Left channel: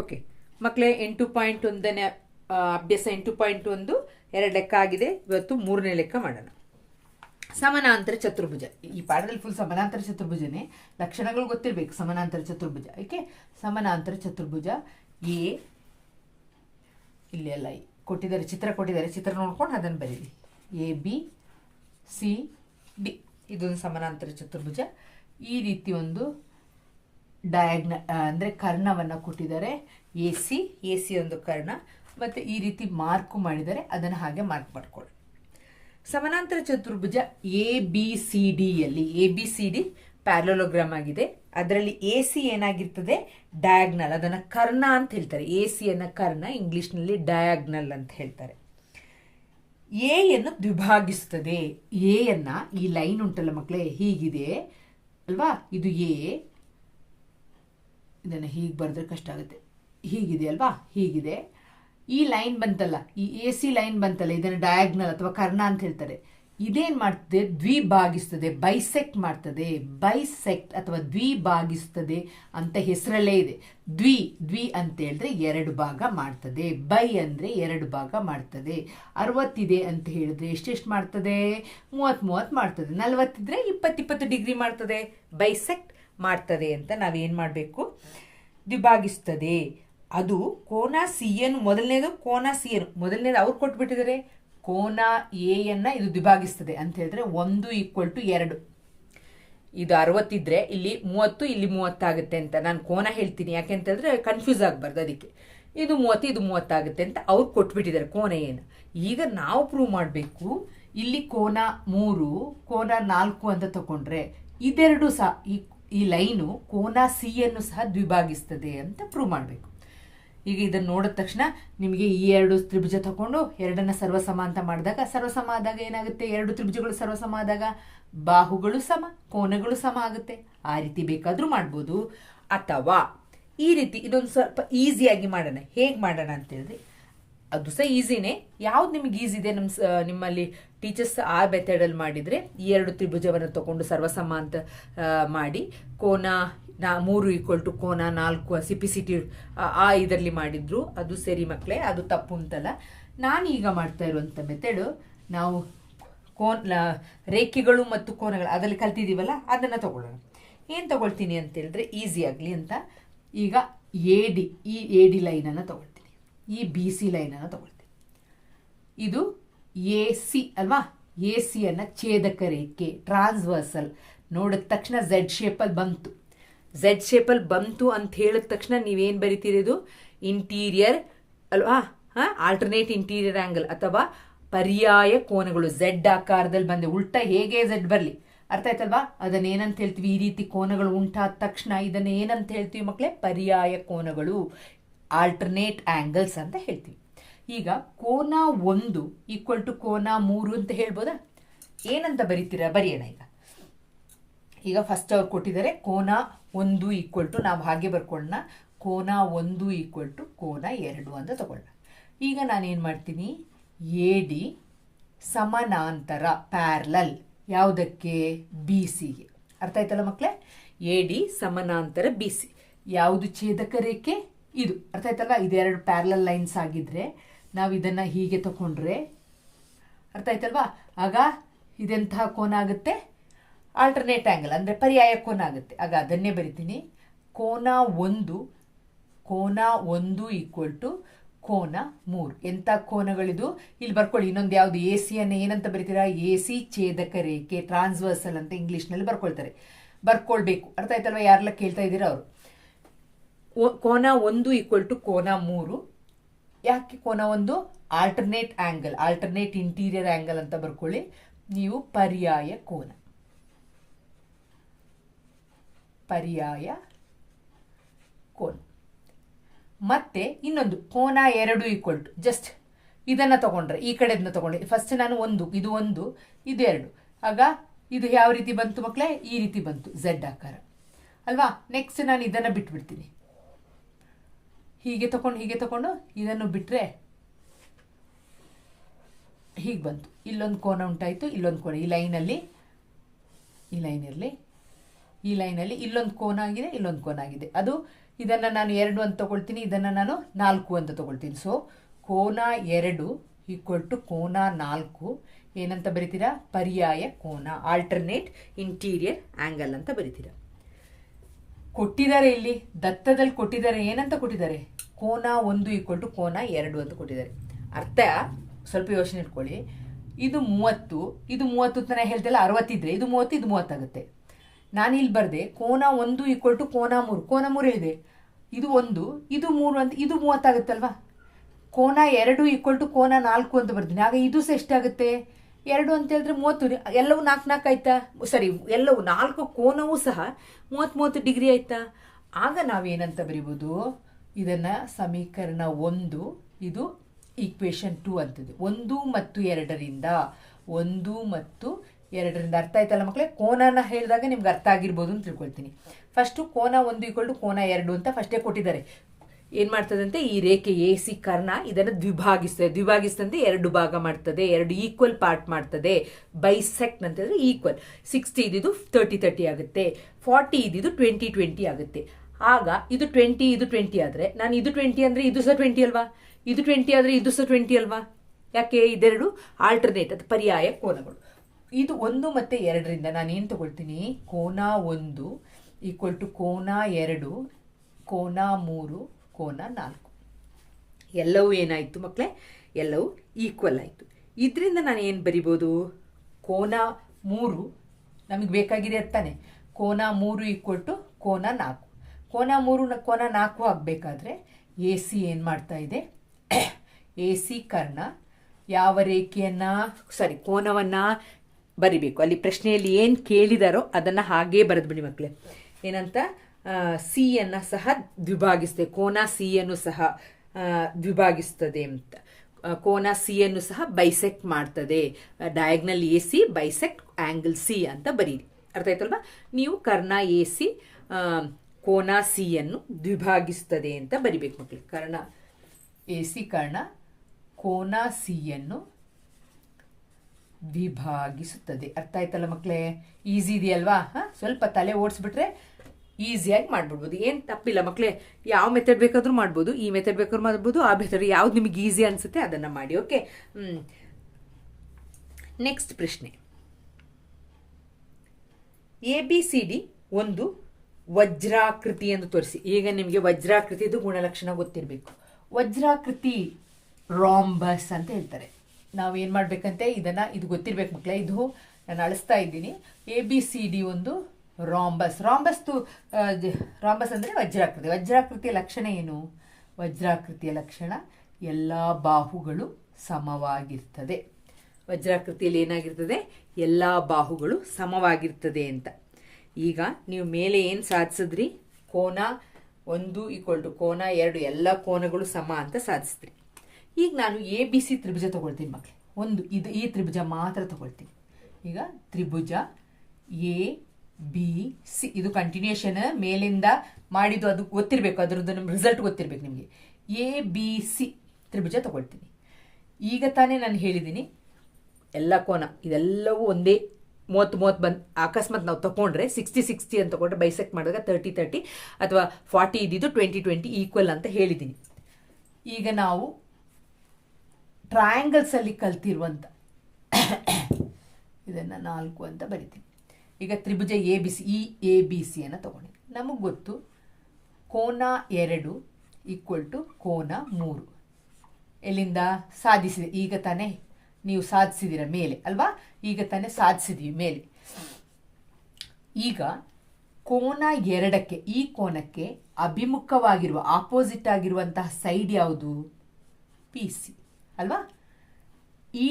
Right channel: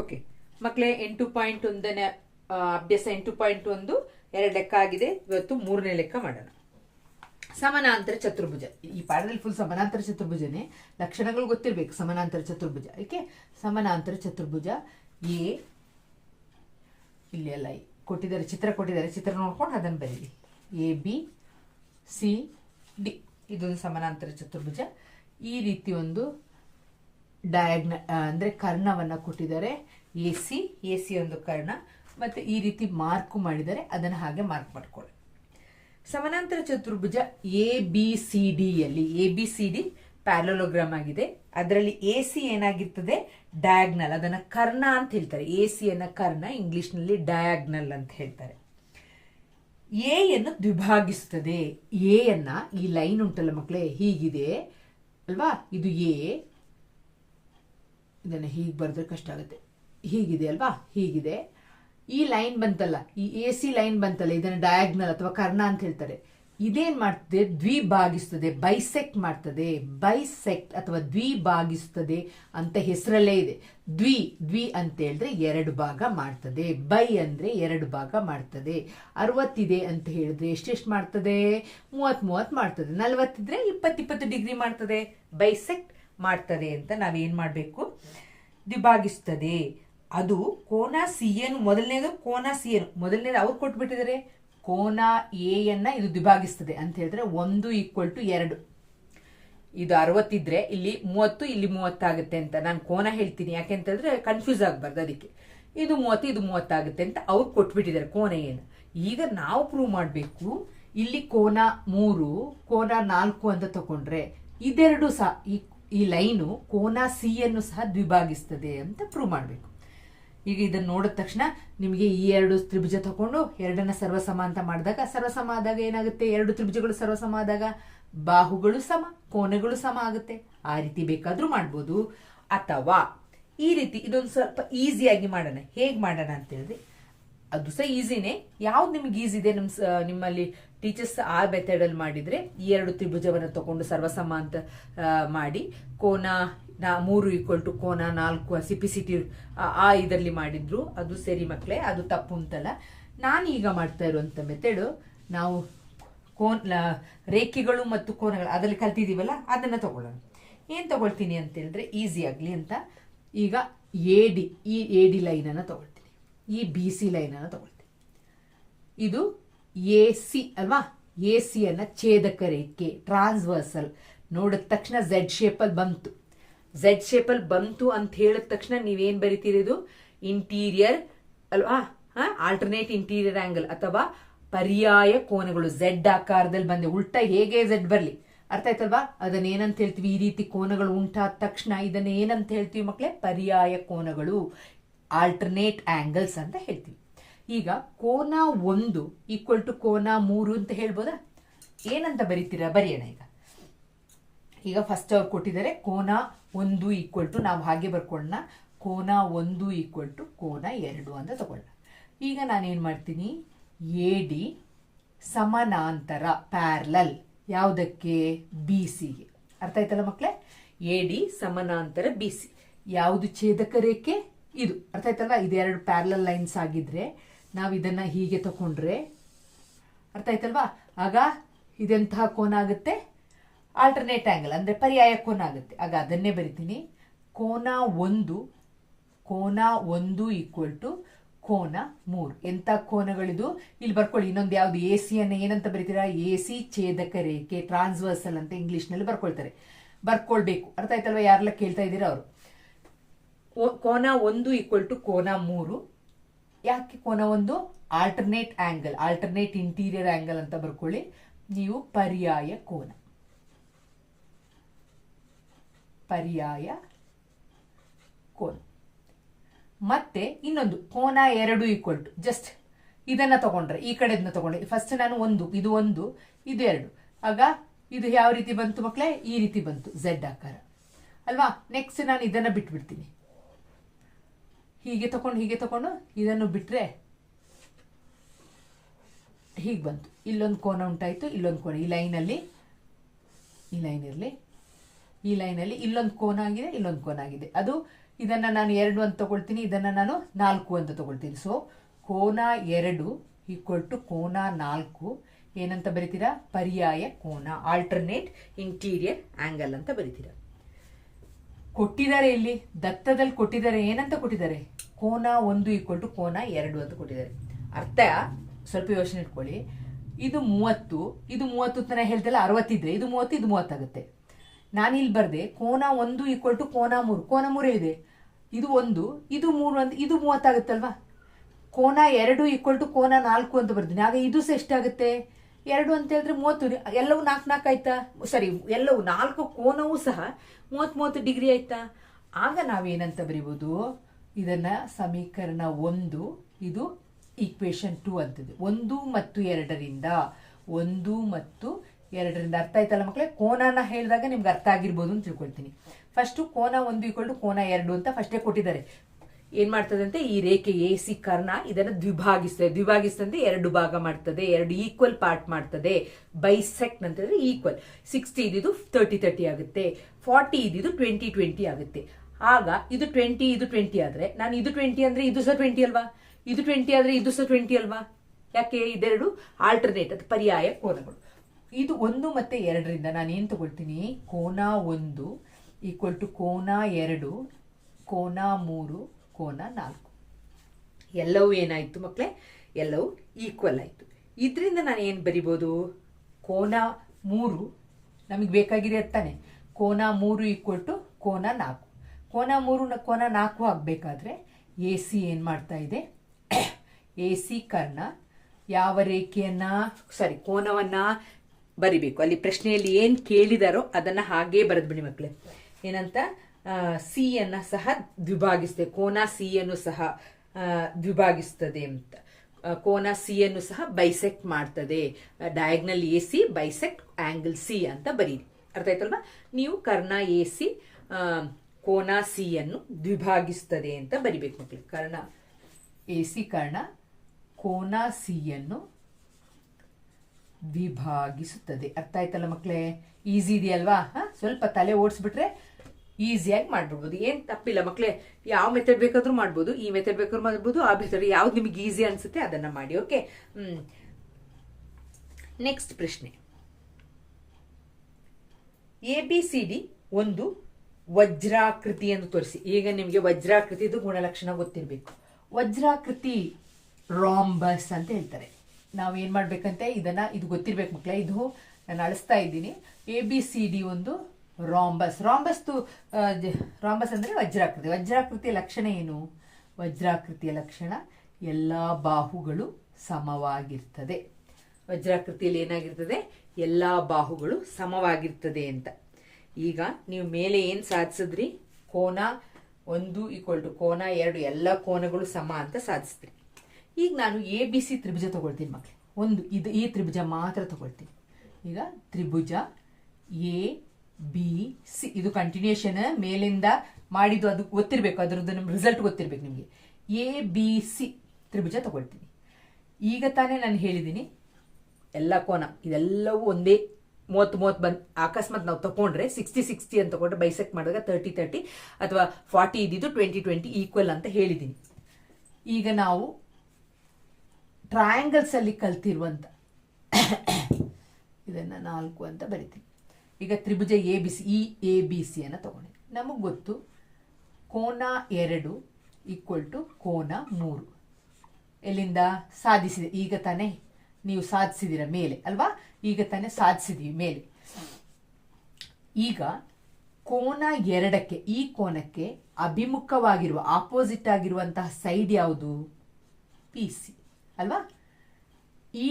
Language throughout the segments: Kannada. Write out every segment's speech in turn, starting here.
ಓಕೆ. ಮಕ್ಕಳೇ ಎಂಟು ಪಾಯಿಂಟ್ ಒಂದನೇ ಅಭ್ಯಾಸ ಎಂಟು ಪಾಯಿಂಟ್ ಒಂದು, ಎರಡು ಲೆಕ್ಕ ಆಗಿದೆ. ಇವತ್ತು ಮೂರನೇ ಲೆಕ್ಕ ಮಾಡೋಣ. ಸಮಾನಾಂತರ ಚತುರ್ಭುಜ. ಈ ಪಾಠದಲ್ಲಿ ಫುಲ್ ಸಮಾನಾಂತರ ಚತುರ್ಭುಜನೇ. ಲಕ್ಷಣಗಳು ಗೊತ್ತಿರಬೇಕು, ಸಮಾನಾಂತರ ಚತುರ್ಭುಜ. ಓಕೆ ಸಮಾನಾಂತರ ಚತುರ್ಭುಜ, ಎ, ಇಲ್ಲಿ ಎಲ್ಲ ಕೊಟ್ಟಿದ್ದಾರೆ, ಚಿತ್ರ ಕೊಟ್ಟಿದ್ದಾರೆ. ಚಿತ್ರ ನೋಡ್ಕೊಂಡು ಅದನ್ನು ಬರೀರಿ. A, B, C, D. ಇದೊಂದು ಸಮಾನಾಂತರ ಚತುರ್ಭುಜ. ಈ ರೀತಿ ಒಂದು ಡಯಾಗ್ನ ಅಂದರೆ ಕರ್ಣವನ್ನು ಕೊಟ್ಟಿದ್ದಾರೆ. ಎ ಸಿ ಎ ಸಿ ಒಂದು ಕರ್ಣ. ಮತ್ತು ಈ ರೀತಿ ಮಾರ್ಕ್ ಮಾಡಿದರೆ ಅದನ್ನು ಹಾಗೆ ಮಾರ್ಕ್ ಮಾಡ್ಕೊಳ್ಳಿ. ಸಮಾನಾಂತರ ಚತುರ್ಭುಜ A, B, C ಡಿಯಲ್ಲಿ A, B, C, D parallelogram ಆಗಿದೆ. ಅದರಲ್ಲಿ ಎ ಸಿ ಏನಾಗಿರ್ತದೆ? ಡಯಾಗ್ನಲ್. ಅದನ್ನು ಕರ್ಣ ಅಂತ ಹೇಳ್ತಾರೆ. ಎ ಸಿಯನ್ನು ಕರ್ಣ, ಇಂಗ್ಲೀಷ್ನಲ್ಲಿ ಡಯಾಗ್ನಲ್ ಅಂತ ಹೇಳ್ತಾರೆ. ಎ ಯನ್ನು ದ್ವಿಭಾಗಿಸುತ್ತದೆ. ಎ ಅನ್ನ ಈ ಲೈನ್ ಉಂಟಲ್ಲ ಮಕ್ಕಳೇ ಹೀಗಿದೆ. ಅಲ್ವಾ? ಇದು ಎ. ಇದನ್ನು ಹೀಗೆ ಬರೆದ್ರೆ ಕಷ್ಟ ಆಗುತ್ತೆ. ಹೀಗಿದೆ ಅಲ್ವಾ? ಹೀಗಿದೆ. ಈ ಲೈನ್ ಬಂತಲ್ಲ, ಈ ಎ ಸಿ ಲೈನ್ ಬಂತಲ್ಲ, ಇದನ್ನು ಡಯಾಗ್ನಲ್ ಅಥವಾ ಕರ್ಣ ಅಂತ ಹೇಳ್ತಾರೆ. ಇದೇನ್ ಮಾಡ್ತದೆ? ದ್ವಿಭಾಗಿಸ್ತದೆ ಬೈಸೆಕ್ಟ್ ಮಾಡ್ತದೆ. ಬೈಸೆಕ್ಟ್ ಅಥವಾ ದ್ವಿಭಾಗಿಸ್ತದೆ ಅಂತ ಹೆಸರಲ್ಲೇ ಇದೆ. ದ್ವಿ ದ್ವಿ ಅಂತ ಹೇಳಿದ್ರೆ ಎರಡು ಭಾಗ ಮಾಡ್ತದೆ. ಬೈ ಅಂದ್ರೆ ಎರಡು ಭಾಗ ಮಾಡ್ತದೆ. ಅರವತ್ತಿದೆ ಅಂತ ಹೇಳಿದ್ರೆ ಎಷ್ಟೆಷ್ಟು ಮಾಡ್ತದೆ? ಮೂವತ್ ಮೂವತ್ ಮಾಡ್ತದೆ. ನಲ್ವತ್ತಿದ್ರೆ ಇಪ್ಪತ್ತಿಪ್ಪತ್ತು ಡಿಗ್ರಿ ಮಾಡ್ತದೆ. ಬೈಸೆಕ್ಟ್ ಮಾಡ್ತದೆ ಅಂತ ನಾವೇನ್ ಮಾಡಬೇಕು? ದ್ವಿಭಾಗಿಸ್ತದೆ ಅದು ಕೋನ ಸಿ ಎನ್ ಮೊದಲನೇದು ಕೋನ ಸಿ ಎನ್ ಮೊದಲನೇದು ಅವ್ರು ಕೊಟ್ಬಿಟ್ಟಿದ್ದಾರೆ ಕೋನ ಎ ಯನ್ನ ಇದು ದಿಬಾಗಿಸ್ತದೆ ಅಂತ ಹೇಳಿದ್ರೆ ಒಂದು ಈಕ್ವಲ್ ಟು ಎರಡು. ಇದು ಅರವತ್ತಿದ್ರೆ ಇಲ್ಲಿ ಮೂವತ್ತು, ಇಲ್ಲಿ ಮೂವತ್ತಾಗುತ್ತೆ ಅಂತ. ನಾನು ಕೋನ ಹೇಳ್ತೀನಿ. ಯಾಕೆ ಅಂತ ಹೇಳಿದ್ರೆ ಕನ್ಫ್ಯೂಸ್ ಆಗಬಾರ್ದು ಅದಕ್ಕೆ. ಇದು ಮೂವತ್ತು, ಇದು ಮೂವತ್ತಾಗುತ್ತೆ ಅಂತ ಅವ್ರು ಕೊಟ್ಬಿಟ್ಟಿದ್ದಾರೆ ಕೋನ ಏನು ಈಗ ನಾವು ಪ್ರೂವ್ ಮಾಡಬೇಕು, ಇಲ್ಲಿ ಕೋನ ಮೂರು, ಕೋನ ನಾಲ್ಕು ಅಂತ ತಗೊಂಡ್ರೆ ಇದೆರಡು ಸಹ ಈ ಈ ಲೈನು ಕೋನ ಸಿ ಅನ್ನು ಸಹ ದ್ವಿಭಾಗಿಸ್ತದೆ ಅಂತ ಪ್ರೂವ್ ಮಾಡಬೇಕು. ಈಗ ಇದನ್ನು ನೋಡಿದ ತಕ್ಷಣ ನಿಮಗೆ ಈ ಎರಡು ತ್ರಿಭುಜ ತಗೊಂಡು ಎರಡನ್ನ ಸರ್ವಸಮ ಅಂತ ಮಾಡಿದಾಗ ಸರ್ವಸಮ ಆದಾಗ ಏನಾಗುತ್ತೆ? ಎರಡು ತ್ರಿಭುಜಗಳು ಸರ್ವಸಮ ಆದಾಗ ಬಾಹುಗಳು ಸಮ, ಕೋನಗಳು ಸಮ ಆಗುತ್ತೆ. ಆ ರೀತಿ ಬೇಕಾದರೂ ಮಾಡ್ಬೋದು. ಅಥವಾ ಈ ರೀತಿ ಇದೊಂದು ಸ್ವಲ್ಪ ಈಸಿಯಾಗಿ ಮಾಡೋಣ. ಹೇಗೆ ಮಾಡೋಣ ಅಂತ ಹೇಳಿದ್ರೆ, ಅದು ಸಹ ಈಸಿನೇ ಯಾವ್ದು ನಿಮ್ಗೆ ಈಸಿ ಇದೆ? ನಿಮ್ಮ ನಿಮ್ಮಲ್ಲಿ ಟೀಚರ್ಸ್ ಆ ಮೆಥಡಲ್ಲಿ ಮಾಡಿದ್ರೆ ಈ ಎರಡು ತ್ರಿಭುಜವನ್ನು ತಗೊಂಡು ಸರ್ವಸಮ ಅಂತ ಮಾಡಿ ಕೋನ ನಾ ಮೂರು ಈಕ್ವಲ್ ಟು ಕೋನ ನಾಲ್ಕು ಸಿಪಿಸಿಟಿ ಆ ಇದರಲ್ಲಿ ಮಾಡಿದ್ರು. ಅದು ಸರಿ ಮಕ್ಕಳೇ ಅದು ತಪ್ಪು ಅಂತಲ್ಲ. ನಾನು ಈಗ ಮಾಡ್ತಾ ಇರುವಂತ ಮೆಥಡ್ ನಾವು ಕೋನ್ ರೇಖೆಗಳು ಮತ್ತು ಕೋನಗಳು, ಅದರಲ್ಲಿ ಕಲ್ತಿದ್ದೀವಲ್ಲ, ಅದನ್ನ ತಗೊಳ್ಳೋಣ. ಏನು ತಗೊಳ್ತೀನಿ ಅಂತ ಹೇಳಿದ್ರೆ ಈಸಿ ಆಗಲಿ ಅಂತ. ಈಗ ಎ ಡಿ ಈ ಎ ಡಿ ಲೈನನ್ನು ತಗೊಳ್ತೀನಿ. ಈ ಬಿ ಸಿ ಲೈನನ್ನು ತಗೊಳ್ತೀನಿ. ಇದು ಎ ಸಿ ಅಲ್ವಾ? ಎ ಸಿ ಅನ್ನ ಛೇದಕ ರೇಖೆ ಟ್ರಾನ್ಸ್ವರ್ಸಲ್ ನೋಡಿದ ತಕ್ಷಣ ಝೆಡ್ ಶೇಪಲ್ಲಿ ಬಂತು. ಝೆಡ್ ಶೇಪಲ್ಲಿ ಬಂತು ಅಂತ ಹೇಳಿದ ತಕ್ಷಣ ನೀವೇನ್ ಬರಿತೀರಿ ಇದು? ಇಂಟೀರಿಯರ್ ಅಲ್ವಾ? ಆಲ್ಟರ್ನೇಟ್ ಇಂಟೀರಿಯರ್ ಆಂಗಲ್ ಅಥವಾ ಪರ್ಯಾಯ ಕೋನಗಳು. ಝೆಡ್ ಆಕಾರದಲ್ಲಿ ಬಂದೆ. ಉಲ್ಟ ಹೇಗೆ ಝೆಡ್ ಬರಲಿ? ಅರ್ಥ ಆಯ್ತಲ್ವಾ? ಅದನ್ನ ಏನಂತ ಹೇಳ್ತೀವಿ? ಈ ರೀತಿ ಕೋನಗಳು ಉಂಟಾದ ತಕ್ಷಣ ಇದನ್ನ ಏನಂತ ಹೇಳ್ತೀವಿ ಮಕ್ಕಳೇ ಪರ್ಯಾಯ ಕೋನಗಳು. ಆಲ್ಟರ್ನೇಟ್ ಆಂಗಲ್ಸ್ ಅಂತ ಹೇಳ್ತೀವಿ. ಈಗ ಕೋನ ಒಂದು ಈಕ್ವಲ್ ಟು ಕೋನ ಮೂರು ಅಂತ ಹೇಳ್ಬೋದಾ? ಏನಂತ ಬರೀತೀರಾ? ಬರೆಯೋಣ ಈಗ. ಈಗ ಫಸ್ಟ್ ಅವ್ರು ಕೊಟ್ಟಿದ್ದಾರೆ ಕೋನ ಒಂದು ಈಕ್ವಲ್ ಟು ನಾವು ಹಾಗೆ ಬರ್ಕೊಳ್ಳೋಣ. ಕೋನ ಒಂದು ಈಕ್ವಲ್ ಟು ಕೋನ ಎರಡು ಅಂತ ತಗೊಳ್ಳೋಣ ಈಗ ನಾನೇನು ಮಾಡ್ತೀನಿ? ಎ ಡಿ ಸಮಾನಾಂತರ ಪ್ಯಾರ್ಲಲ್ ಯಾವುದಕ್ಕೆ? ಬಿ ಸಿಗೆ ಅರ್ಥ ಆಯ್ತಲ್ಲ ಮಕ್ಕಳೇ ಎ ಡಿ ಸಮಾನಾಂತರ, ಬಿ ಸಿ. ಯಾವುದು ಛೇದಕ ರೇಖೆ? ಇದು. ಅರ್ಥ ಆಯ್ತಲ್ಲ ಇದೆರಡು ಪ್ಯಾರ್ಲಲ್ ಲೈನ್ಸ್ ಆಗಿದ್ರೆ ನಾವು ಇದನ್ನು ಹೀಗೆ ತಗೊಂಡ್ರೆ ಅರ್ಥ ಆಯ್ತಲ್ವಾ? ಆಗ ಇದೆಂತಹ ಕೋನ ಆಗುತ್ತೆ? ಆಲ್ಟರ್ನೇಟ್ ಆ್ಯಂಗಲ್ ಅಂದರೆ ಪರ್ಯಾಯ ಕೋನ ಆಗುತ್ತೆ. ಆಗ ಅದನ್ನೇ ಬರಿತೀನಿ. ಕೋನ ಒಂದು ಕೋನ ಒಂದು ಈಕ್ವಲ್ ಟು ಕೋನ ಮೂರು. ಎಂಥ ಕೋನಗಳಿದು? ಇಲ್ಲಿ ಬರ್ಕೊಳ್ಳಿ, ಇನ್ನೊಂದು ಯಾವುದು? ಎ ಸಿಯನ್ನು ಏನಂತ ಬರೀತೀರಾ? ಎ ಸಿ ಛೇದಕ ರೇಖೆ ಟ್ರಾನ್ಸ್ವರ್ಸಲ್ ಅಂತ ಇಂಗ್ಲಿಷ್ನಲ್ಲಿ ಬರ್ಕೊಳ್ತಾರೆ. ಬರ್ಕೊಳ್ಬೇಕು. ಅರ್ಥ ಆಯ್ತಲ್ವ? ಯಾರೆಲ್ಲ ಕೇಳ್ತಾ ಇದ್ದೀರಾ ಅವರು? ಕೋನ ಒಂದು ಈಕ್ವಲ್ ಟು ಕೋನ ಮೂರು. ಯಾಕೆ ಕೋನ ಒಂದು alternate angle alternate interior angle ಅಂತ ಬರ್ಕೊಳ್ಳಿ. ನೀವು ಪರ್ಯಾಯ ಕೋನ. ಪರ್ಯಾಯ ಕೋನ. ಮತ್ತೆ ಇನ್ನೊಂದು, ಕೋನ ಎರಡು ಈಕ್ವಲ್ ಟು ಜಸ್ಟ್ ಇದನ್ನ ತಗೊಂಡ್ರೆ, ಈ ಕಡೆದನ್ನ ತಗೊಂಡ್ರೆ ಫಸ್ಟ್ ನಾನು ಒಂದು, ಇದು ಒಂದು, ಇದು ಎರಡು. ಆಗ ಇದು ಯಾವ ರೀತಿ ಬಂತು ಮಕ್ಕಳೇ ಈ ರೀತಿ ಬಂತು ಝೆಡ್ ಆಕಾರ. ಅಲ್ವಾ? ನೆಕ್ಸ್ಟ್ ನಾನು ಇದನ್ನ ಬಿಟ್ಬಿಡ್ತೀನಿ. ಹೀಗೆ ತಗೊಂಡು ಹೀಗೆ ತಗೊಂಡು ಇದನ್ನು ಬಿಟ್ಟರೆ ಹೀಗೆ ಬಂತು. ಇಲ್ಲೊಂದು ಕೋನ ಉಂಟಾಯಿತು, ಇಲ್ಲೊಂದು ಕೋನ. ಈ ಲೈನಲ್ಲಿ, ಈ ಲೈನ್ ಇರಲಿ ಈ ಲೈನಲ್ಲಿ ಇಲ್ಲೊಂದು ಕೋನ ಆಗಿದೆ, ಇಲ್ಲೊಂದು ಕೋನ ಆಗಿದೆ. ಅದು ಇದನ್ನು ನಾನು ಎರಡು ಅಂತ ತಗೊಳ್ತೀನಿ, ಇದನ್ನು ನಾನು ನಾಲ್ಕು ಅಂತ ತಗೊಳ್ತೀನಿ. ಸೊ ಕೋನ ಎರಡು ಈಕ್ವಲ್ ಟು ಕೋನ ನಾಲ್ಕು. ಏನಂತ ಬರೀತೀರಾ? ಪರ್ಯಾಯ ಕೋನ ಆಲ್ಟರ್ನೇಟ್ ಇಂಟೀರಿಯರ್ ಆ್ಯಂಗಲ್ ಅಂತ ಬರಿತೀರಾ? ಕೊಟ್ಟಿದ್ದಾರೆ ಇಲ್ಲಿ, ದತ್ತದಲ್ಲಿ ಕೊಟ್ಟಿದ್ದಾರೆ, ಏನಂತ ಕೊಟ್ಟಿದ್ದಾರೆ? ಕೋನ ಒಂದು ಈಕ್ವಲ್ ಟು ಕೋನ ಎರಡು ಅಂತ ಕೊಟ್ಟಿದ್ದಾರೆ. ಅರ್ಥ? ಸ್ವಲ್ಪ ಯೋಚನೆ ಇಟ್ಕೊಳ್ಳಿ. ಇದು ಮೂವತ್ತು ಇದು ಮೂವತ್ತು ನಾನು ಹೇಳ್ತಲ್ಲ, ಅರವತ್ತಿದ್ರೆ, ಇದು ಮೂವತ್ತು, ಇದು ಮೂವತ್ತಾಗುತ್ತೆ ನಾನು ಇಲ್ಲಿ ಬರ್ದೆ, ಕೋನ ಒಂದು ಈಕ್ವಲ್ ಟು ಕೋನ ಮೂರು. ಕೋನ ಮೂರೇ ಇದೆ ಇದು ಒಂದು, ಇದು ಮೂರು ಅಂತ ಇದು ಮೂವತ್ತಾಗುತ್ತಲ್ವಾ ಕೋನ ಎರಡು ಈಕ್ವಲ್ ಟು ಕೋನ ನಾಲ್ಕು ಅಂತ ಬರ್ತೀನಿ ಆಗ ಇದು ಸಹ ಎಷ್ಟಾಗುತ್ತೆ? ಎರಡು ಅಂತ ಹೇಳಿದ್ರೆ ಮೂವತ್ತು ಎಲ್ಲವೂ ನಾಲ್ಕು ನಾಲ್ಕು ಆಯ್ತಾ? ಸರಿ, ಎಲ್ಲವೂ ನಾಲ್ಕು ಕೋನವೂ ಸಹ ಮೂವತ್ತ್ ಮೂವತ್ತು ಡಿಗ್ರಿ ಆಯ್ತಾ? ಆಗ ನಾವೇನಂತ ಬರಿಬೋದು? ಇದನ್ನ ಸಮೀಕರಣ ಒಂದು, ಇದು ಈಕ್ವೇಶನ್ ಟು ಅಂತದ್ದು ಒಂದು ಮತ್ತು ಎರಡರಿಂದ, ಒಂದು ಮತ್ತು ಎರಡರಿಂದ ಅರ್ಥ ಆಯ್ತಲ್ಲ ಮಕ್ಕಳೇ? ಕೋನನ ಹೇಳಿದಾಗ ನಿಮ್ಗೆ ಅರ್ಥ ಆಗಿರ್ಬೋದು ಅಂತ ತಿಳ್ಕೊಳ್ತೀನಿ. ಫಸ್ಟು ಕೋನ ಒಂದು ಈಕ್ವಲ್ ಟು ಕೋನ ಎರಡು ಅಂತ ಫಸ್ಟೇ ಕೊಟ್ಟಿದ್ದಾರೆ. ಏನ್ ಮಾಡ್ತದಂತೆ? ಈ ರೇಖೆ ಎ ಸಿ ಕರ್ಣ ಇದನ್ನು ದ್ವಿಭಾಗಿಸ್ತದೆ. ದ್ವಿಭಾಗಿಸ್ತಂತೆ ಎರಡು ಭಾಗ ಮಾಡ್ತದೆ. ಎರಡು ಈಕ್ವಲ್ ಪಾರ್ಟ್ ಮಾಡ್ತದೆ. ಬೈಸೆಕ್ಟ್ ಅಂತಂದ್ರೆ ಈಕ್ವಲ್. ಸಿಕ್ಸ್ಟಿ ಇದ್ದು ತರ್ಟಿ ತರ್ಟಿ ಆಗುತ್ತೆ. ಫಾರ್ಟಿ ಇದ್ದು ಟ್ವೆಂಟಿ ಟ್ವೆಂಟಿ ಆಗುತ್ತೆ. ಆಗ ಇದು ಟ್ವೆಂಟಿ ಇದು ಟ್ವೆಂಟಿ ಆದ್ರೆ ನಾನು ಇದು ಟ್ವೆಂಟಿ ಅಂದ್ರೆ ಇದು ಸಹ ಟ್ವೆಂಟಿ ಅಲ್ವಾ? ಇದು ಟ್ವೆಂಟಿ ಆದ್ರೆ ಇದು ಸಹ ಟ್ವೆಂಟಿ ಅಲ್ವಾ? ಯಾಕೆ? ಇದೆರಡು ಆಲ್ಟರ್ನೇಟ್ ಅದು ಪರ್ಯಾಯ ಕೋನಗಳು. ಇದು ಒಂದು ಮತ್ತೆ ಎರಡರಿಂದ ನಾನು ಏನು ತಗೊಳ್ತೀನಿ? ಕೋನ ಒಂದು ಈಕ್ವಲ್ ಟು ಕೋನ ಎರಡು, ಕೋನ ಮೂರು ಕೋನ ನಾಲ್ಕು. ಎಲ್ಲವೂ ಏನಾಯಿತು ಮಕ್ಕಳೇ ಎಲ್ಲವೂ ಈಕ್ವಲ್ ಆಯಿತು. ಇದರಿಂದ ನಾನು ಏನು ಬರಿಬೋದು? ಕೋನ ಮೂರು ನಮಗೆ ಬೇಕಾಗಿದೆ ತಾನೆ. ಕೋನ ಮೂರು ಈಕ್ವಲ್ ಟು ಕೋನ ನಾಲ್ಕು. ಕೋನ ಮೂರು ಕೋನ ನಾಲ್ಕು ಆಗಬೇಕಾದ್ರೆ ಎ ಸಿ ಏನು ಮಾಡ್ತಾ ಇದೆ? ಎ ಸಿ ಕರ್ಣ ಯಾವ ರೇಖೆಯನ್ನು? ಸಾರಿ, ಕೋನವನ್ನು ಬರಿಬೇಕು. ಅಲ್ಲಿ ಪ್ರಶ್ನೆಯಲ್ಲಿ ಏನು ಕೇಳಿದಾರೋ ಅದನ್ನು ಹಾಗೇ ಬರೆದ್ಬಿಡಿ ಮಕ್ಕಳೇ ಏನಂತ? ಸಿ ಅನ್ನ ಸಹ ದ್ವಿಭಾಗಿಸ್ತದೆ ಕೋನ ಸಿ ಅನ್ನು ಸಹ ದ್ವಿಭಾಗಿಸ್ತದೆ ಅಂತ. ಕೋನ ಸಿ ಅನ್ನು ಸಹ ಬೈಸೆಕ್ಟ್ ಮಾಡ್ತದೆ. Diagonal A C bisect angle C ಅಂತ ಬರೀರಿ. ಅರ್ಥ ಆಯ್ತಲ್ವಾ? ನೀವು ಕರ್ಣ ಎ ಸಿ ಕೋನ ಸಿ ಅನ್ನು ದ್ವಿಭಾಗಿಸ್ತದೆ ಅಂತ ಬರಿಬೇಕು ಮಕ್ಕಳು ಕರ್ಣ ಎ ಸಿ ಕರ್ಣ ಕೋನ ಸಿ ಅನ್ನು ವಿಭಾಗಿಸುತ್ತದೆ ಅರ್ಥ ಆಯ್ತಲ್ಲ ಮಕ್ಕಳೇ ಈಸಿ ಇದೆಯಲ್ವಾ? ಸ್ವಲ್ಪ ತಲೆ ಓಡಿಸ್ಬಿಟ್ರೆ ಈಸಿಯಾಗಿ ಮಾಡ್ಬಿಡ್ಬೋದು. ಏನು ತಪ್ಪಿಲ್ಲ. ಮಕ್ಕಳೇ ಯಾವ ಮೆಥಡ್ ಬೇಕಾದರೂ ಮಾಡ್ಬೋದು. ಈ ಮೆಥಡ್ ಬೇಕಾದ್ರೂ ಮಾಡ್ಬೋದು. ಆ ಮೆಥಡ್ ಯಾವ್ದು ನಿಮಗೆ ಈಸಿ ಅನಿಸುತ್ತೆ ಅದನ್ನು ಮಾಡಿ ಓಕೆ ನೆಕ್ಸ್ಟ್ ಪ್ರಶ್ನೆ. ಎ ಬಿ ಸಿ ಡಿ ಒಂದು ವಜ್ರಾಕೃತಿ ಎಂದು ತೋರಿಸಿ. ಈಗ ನಿಮಗೆ ವಜ್ರಾಕೃತಿದು ಗುಣಲಕ್ಷಣ ಗೊತ್ತಿರಬೇಕು. ವಜ್ರಾಕೃತಿ ರಾಂಬಸ್ ಅಂತ ಹೇಳ್ತಾರೆ. ನಾವು ಏನು ಮಾಡಬೇಕಂತೆ? ಇದನ್ನ, ಇದು ಗೊತ್ತಿರಬೇಕು ಮಕ್ಕಳೇ ಇದು ನಾನು ಅಳಿಸ್ತಾ ಇದ್ದೀನಿ. ಎ ಬಿ ಸಿ ಡಿ ಒಂದು ರಾಂಬಸ್. ರಾಂಬಸ್ತು ರಾಂಬಸ್ ಅಂದರೆ ವಜ್ರಾಕೃತಿ. ವಜ್ರಾಕೃತಿಯ ಲಕ್ಷಣ ಏನು? ವಜ್ರಾಕೃತಿಯ ಲಕ್ಷಣ ಎಲ್ಲ ಬಾಹುಗಳು ಸಮವಾಗಿರ್ತದೆ. ವಜ್ರಾಕೃತಿಯಲ್ಲಿ ಏನಾಗಿರ್ತದೆ? ಎಲ್ಲ ಬಾಹುಗಳು ಸಮವಾಗಿರ್ತದೆ ಅಂತ. ಈಗ ನೀವು ಮೇಲೆ ಏನು ಸಾಧಿಸಿದ್ರಿ? ಕೋನ ಒಂದು ಈಕ್ವಲ್ ಟು ಕೋನ ಎರಡು, ಎಲ್ಲ ಕೋನಗಳು ಸಮ ಅಂತ ಸಾಧಿಸಿದ್ರಿ. ಈಗ ನಾನು ಎ, ಬಿ, ಸಿ ತ್ರಿಭುಜ ತಗೊಳ್ತೀನಿ ಮಕ್ಕಳು ಒಂದು, ಇದು ಈ ತ್ರಿಭುಜ ಮಾತ್ರ ತಗೊಳ್ತೀನಿ. ಈಗ ತ್ರಿಭುಜ ಎ ಬಿ ಸಿ ಇದು ಕಂಟಿನ್ಯೂಷನ್ ಮೇಲಿಂದ ಮಾಡಿದ್ದು ಅದು ಗೊತ್ತಿರಬೇಕು, ಅದರದ್ದು ನಮ್ಮ ರಿಸಲ್ಟ್ ಗೊತ್ತಿರಬೇಕು ನಿಮಗೆ. ಎ ಬಿ ಸಿ ತ್ರಿಭುಜ ತಗೊಳ್ತೀನಿ. ಈಗ ತಾನೇ ನಾನು ಹೇಳಿದ್ದೀನಿ ಎಲ್ಲ ಕೋನ, ಇದೆಲ್ಲವೂ ಒಂದೇ ಮೂವತ್ತು ಮೂವತ್ತು ಬಂದು, ಅಕಸ್ಮಾತ್ ನಾವು ತಗೊಂಡ್ರೆ ಸಿಕ್ಸ್ಟಿ ಸಿಕ್ಸ್ಟಿ ಅಂತ ತಗೊಂಡ್ರೆ ಬೈಸೆಕ್ಟ್ ಮಾಡಿದಾಗ ತರ್ಟಿ ತರ್ಟಿ ಅಥವಾ ಫಾರ್ಟಿ ಇದ್ದಿದ್ದು ಟ್ವೆಂಟಿ ಟ್ವೆಂಟಿ ಈಕ್ವಲ್ ಅಂತ ಹೇಳಿದ್ದೀನಿ ಈಗ ನಾವು ಟ್ರಯಾಂಗಲ್ಸ್ ಅಲ್ಲಿ ಕಲ್ತಿರುವಂತ ಇದನ್ನ ನಾಲ್ಕು ಅಂತ ಬರಿತೀನಿ. ಈಗ ತ್ರಿಭುಜ ಎ ಬಿ ಸಿ ಈ ಎ ಬಿ ಸಿ ಅನ್ನು ತಗೊಂಡು. ನಮಗೆ ಗೊತ್ತು, ಕೋನ ಎರಡು ಈಕ್ವಲ್ ಟು ಕೋನ ಮೂರು. ಎಲ್ಲಿಂದ? ಸಾಧಿಸಿದೆ. ಈಗ ತಾನೇ ನೀವು ಸಾಧಿಸಿದಿರ ಮೇಲೆ, ಅಲ್ವಾ? ಈಗ ತಾನೇ ಸಾಧಿಸಿದೀವಿ ಮೇಲೆ. ಈಗ ಕೋನ ಎರಡಕ್ಕೆ, ಈ ಕೋನಕ್ಕೆ ಅಭಿಮುಖವಾಗಿರುವ ಆಪೋಸಿಟ್ ಆಗಿರುವಂತಹ ಸೈಡ್ ಯಾವುದು? ಪಿ ಸಿ ಅಲ್ವಾ? ಈ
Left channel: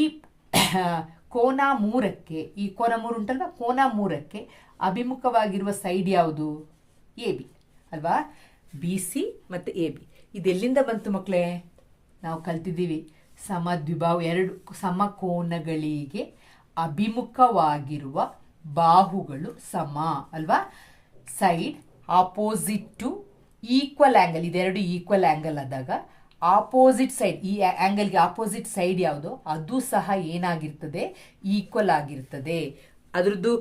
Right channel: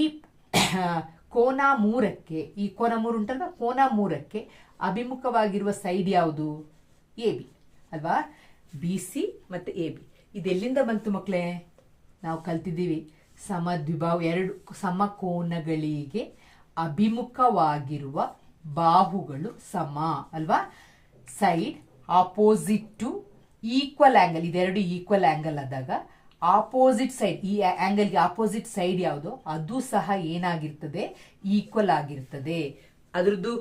ಕೋನ ಮೂರಕ್ಕೆ, ಈ ಕೋನ ಮೂರು ಉಂಟಲ್ವಾ? ಕೋನ ಮೂರಕ್ಕೆ ಅಭಿಮುಖವಾಗಿರುವ ಸೈಡ್ ಯಾವುದು? A, B. ಅಲ್ವಾ? ಬಿ, ಸಿ ಮತ್ತು ಎ, ಬಿ. ಇದೆಲ್ಲಿಂದ ಬಂತು ಮಕ್ಕಳೇ ನಾವು ಕಲ್ತಿದ್ದೀವಿ. ಸಮದ್ವಿಭಾವ ಎರಡು, ಸಮಕೋನಗಳಿಗೆ ಅಭಿಮುಖವಾಗಿರುವ ಬಾಹುಗಳು ಸಮ, ಅಲ್ವಾ? Side opposite to equal angle ಇದೆರಡು ಈಕ್ವಲ್ ಆ್ಯಂಗಲ್ ಆದಾಗ ಆಪೋಸಿಟ್ ಸೈಡ್ ಈ ಆಂಗಲ್ಗೆ ಆಪೋಸಿಟ್ ಸೈಡ್ ಯಾವುದು? ಅದು ಸಹ ಏನಾಗಿರ್ತದೆ? ಈಕ್ವಲ್ ಆಗಿರ್ತದೆ. ಅದರದ್ದು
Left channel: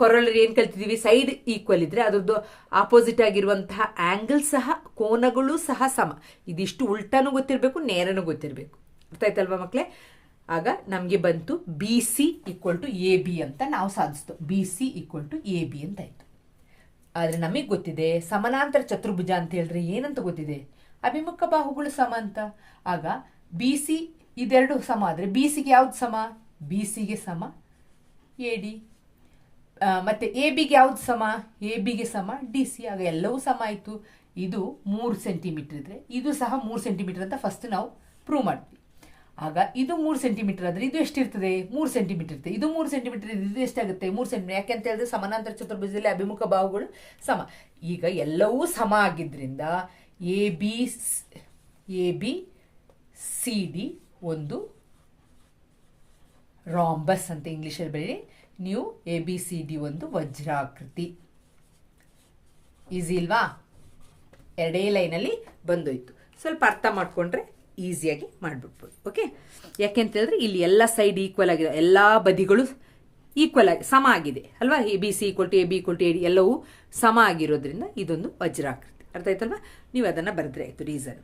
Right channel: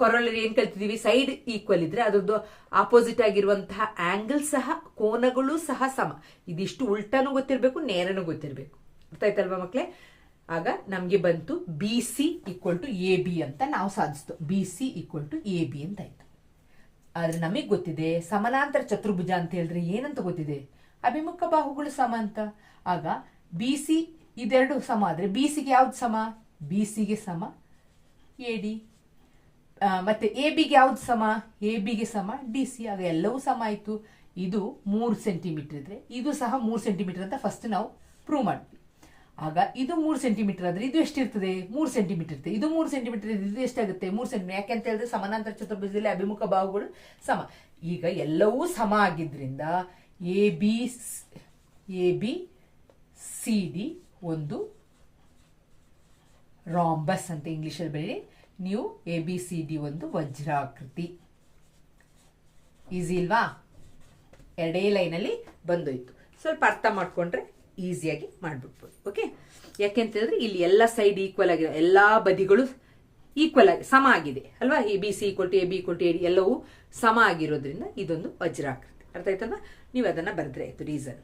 ಕೊರಳರಿ ಏನ್ ಕಲ್ತಿದೀವಿ? ಸೈಡ್ ಈಕ್ವಲ್ ಇದ್ರೆ ಅದ್ರದ್ದು ಆಪೋಸಿಟ್ ಆಗಿರುವಂತಹ ಆಂಗಲ್ ಸಹ, ಕೋನಗಳು ಸಹ ಸಮ. ಇದಿಷ್ಟು ಉಲ್ಟಾನು ಗೊತ್ತಿರಬೇಕು, ನೇರನೂ ಗೊತ್ತಿರಬೇಕು. ಅರ್ಥ ಆಯ್ತಲ್ವಾ ಮಕ್ಕಳೇ ಆಗ ನಮ್ಗೆ ಬಂತು B C equal to A B ಅಂತ ನಾವು ಸಾಧಿಸ್ತು. B C equal to A B ಅಂತ ಆಯ್ತು. ಆದ್ರೆ ನಮಗೆ ಗೊತ್ತಿದೆ, ಸಮಾನಾಂತರ ಚತುರ್ಭುಜ ಅಂತ ಹೇಳಿದ್ರೆ ಏನಂತ ಗೊತ್ತಿದೆ? ಅಭಿಮುಖ ಬಾಹುಗಳು ಸಮ ಅಂತ. ಆಗ ಬಿ ಸಿ ಇದೆರಡು ಸಮ ಆದರೆ ಬಿ ಸಿಗೆ ಯಾವ್ದು ಸಮ? ಬಿ ಸಿಗೆ ಸಮ. ಎ ಡಿ ಮತ್ತೆ ಎ ಬಿಗೆ ಯಾವ್ದು ಸಮ? ಎ ಬಿಗೆ ಸಮ. ಡಿ ಸಿ ಆಗ ಎಲ್ಲವೂ ಸಮ ಆಯಿತು. ಇದು ಮೂರು ಸೆಂಟಿಮೀಟರ್ ಇದ್ರೆ ಇದು ಸಹ ಮೂರು ಸೆಂಟಿಮೀಟರ್ ಅಂತ ಫಸ್ಟ್ ನಾವು ಪ್ರೂವ್ ಮಾಡ್ತೀವಿ. ಆಗ ಇದು ಮೂರು ಸೆಂಟಿಮೀಟರ್ ಆದರೆ ಇದು ಎಷ್ಟಿರ್ತದೆ? ಮೂರು ಸೆಂಟಿಮೀಟರ್ ಇರ್ತದೆ. ಇದು ಮೂರು ಸೆಂಟಿಮೀಟರ್ ಇದು ಎಷ್ಟಾಗುತ್ತೆ? ಮೂರು ಸೆಂಟಿಮೀಟರ್ ಯಾಕೆ ಅಂತ ಹೇಳಿದ್ರೆ ಸಮಾನಾಂತರ ಚತುರ್ಭುಜದಲ್ಲಿ ಅಭಿಮುಖ ಬಾಹುಗಳು ಸಮ. ಈಗ ಎಲ್ಲವೂ ಸಮ ಆಗಿದ್ರಿಂದ A B A B C D ಒಂದು ರಾಂಬಸ್ ಅಂತ ಇಂಗ್ಲೀಷಲ್ಲಿ ಬೆಳಿ ನೀವು ಎ ಬಿ ಸಿ ಡಿ ಒಂದು ವಜ್ರಾಕೃತಿ. ಈಸಿ ಇಲ್ವಾ ಎರಡೇ ಲೈನಲ್ಲಿ ಬಂದೋಯ್ತು. ಸ್ವಲ್ಪ ಅರ್ಥ ಮಾಡ್ಕೊಂಡ್ರೆ ಈಸಿಯಾಗಿ ಮಾಡ್ಬಿಡ್ಬೋದು. ಓಕೆ ಯಾಕೆ ಹೇಳಿದ್ರೆ ಇಲ್ಲಿ ಎಲ್ಲ ಸೈಡ್ ಈಕ್ವಲ್ ಆಗಿದೆ. ಎಲ್ಲ ಬದಿಗಳು ಈಕ್ವಲ್ ಆಗಿ ಸಮ ಆಗಿದೆ. ಅಲ್ವಾ? A B C equal to A B equal to A D ಎಲ್ಲವೂ ಸಮ ಆಗಿರೋದ್ರಿಂದ ಇದೊಂದು ವಜ್ರಾಕೃತಿ. ಅರ್ಥ ಆಯ್ತಲ್ವಾ? ನೀವು ಅದನ್ನು ಬರೆದ್ರೆ ಆಯಿತು ರೀಸನ್